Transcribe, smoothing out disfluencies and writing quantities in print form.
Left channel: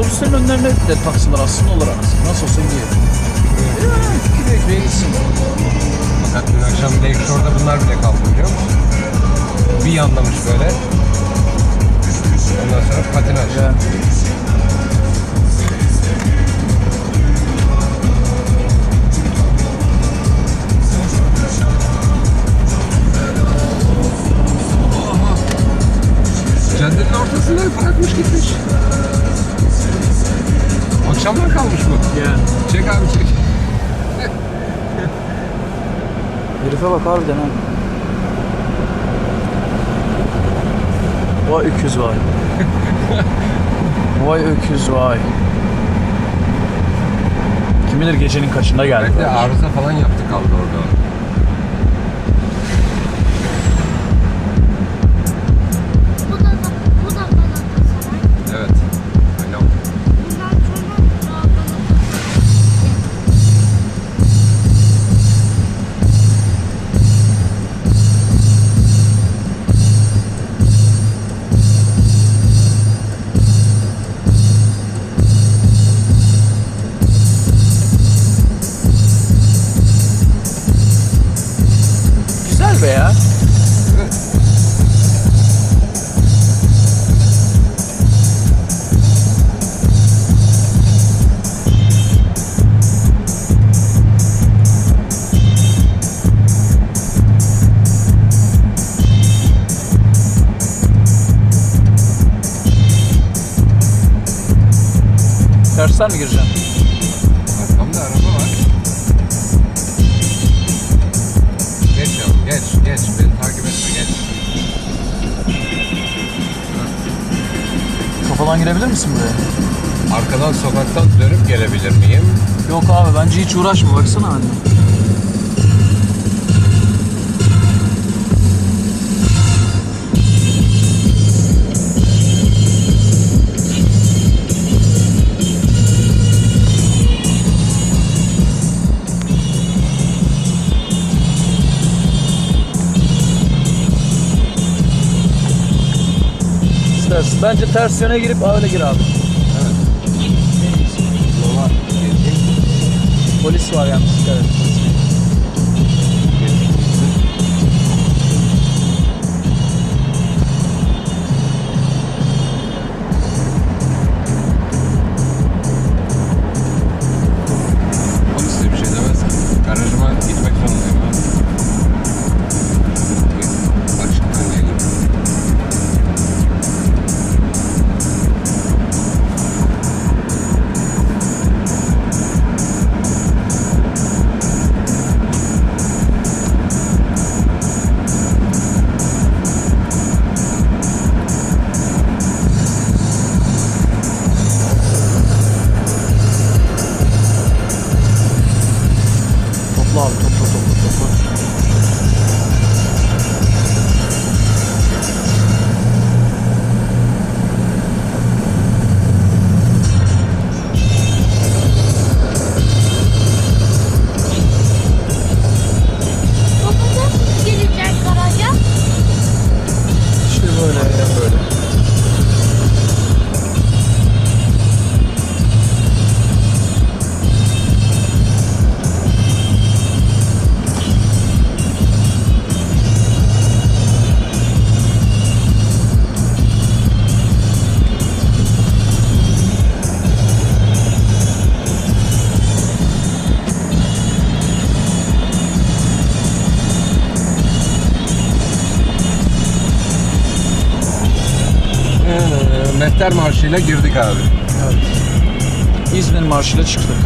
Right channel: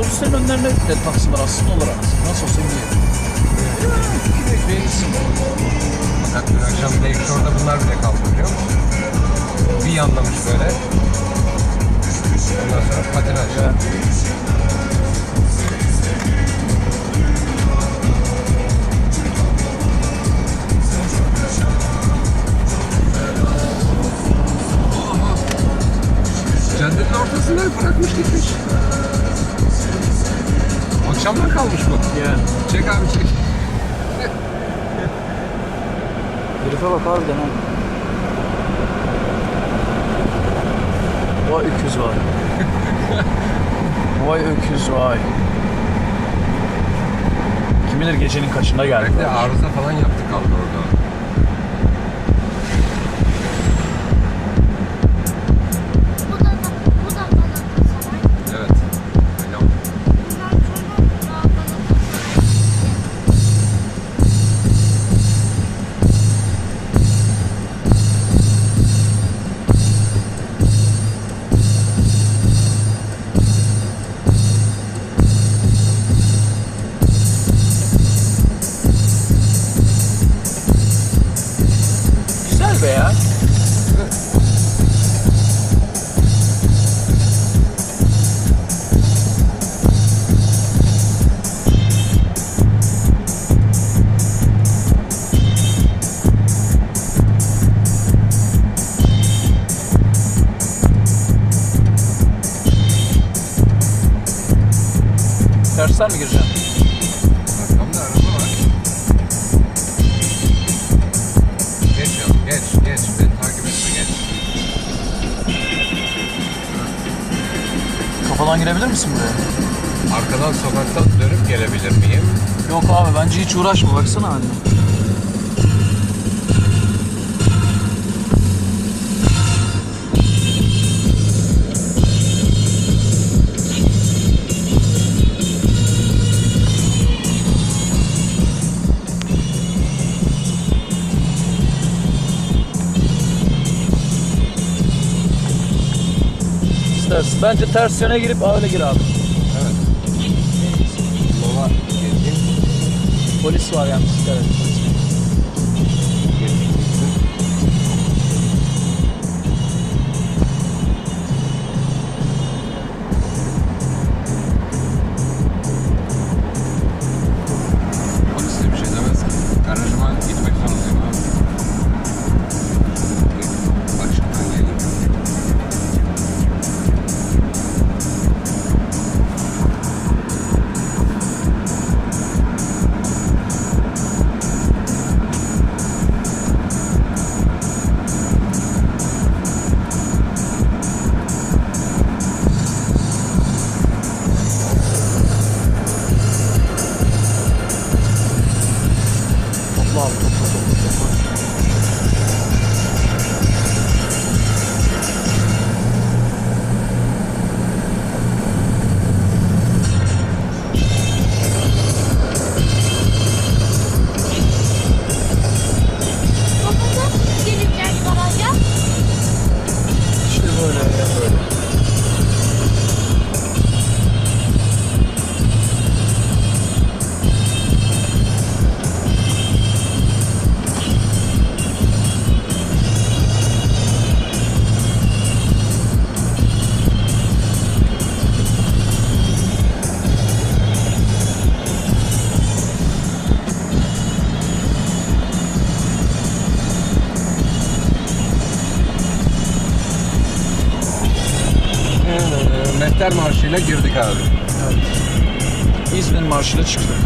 Otobüslerin önlerine de taksiler aslında olarak. Nasıl olsa gidiyor. Gibi ekmeğe gitsin. Fakat dün akşam Lakeshore'da bunlar bile kaldı biliyor musun? Bir yanlamış böyle. Ondan sonra patinaj. Evet. Caddenin ortasında bırakmış gitmiş. Akşamdan kalmış bu. Yani. Çek abi çek. Herife bak harbiden ha. Vay öküz vay. Vay öküz vay. Kim bilir gecenin kaçında geldi. Belki de arıza falan yaptı kaldı orada. Bu da bana saray. Evet. Öyle oldu. Bundan sonra daha bana Güzel be ya. Evet. Tersten mi gireceksin? Arkamda araba var. Geç yavrum geç. Beni takip etme geç. Kafadan girebilir misin buraya? Arkadan sokaktan dönüp gelebilir miyim? Yok abi bence hiç uğraşma baksana anne. İstersin. Bence ters yöne girip öyle gir abi. Evet. Yola geçeyim. Polis var yalnız. Dikkat et. Geçeyim. Onun size bir şey demez ki. Garajıma gitmek zorundayım abi. Açıktan geleyim. Topla abi topla. baba nasıl gelecek garaja? İşte böyle. Mehter Marşı'yla girdik abi. Evet. İzmir Marşı'yla çıktık.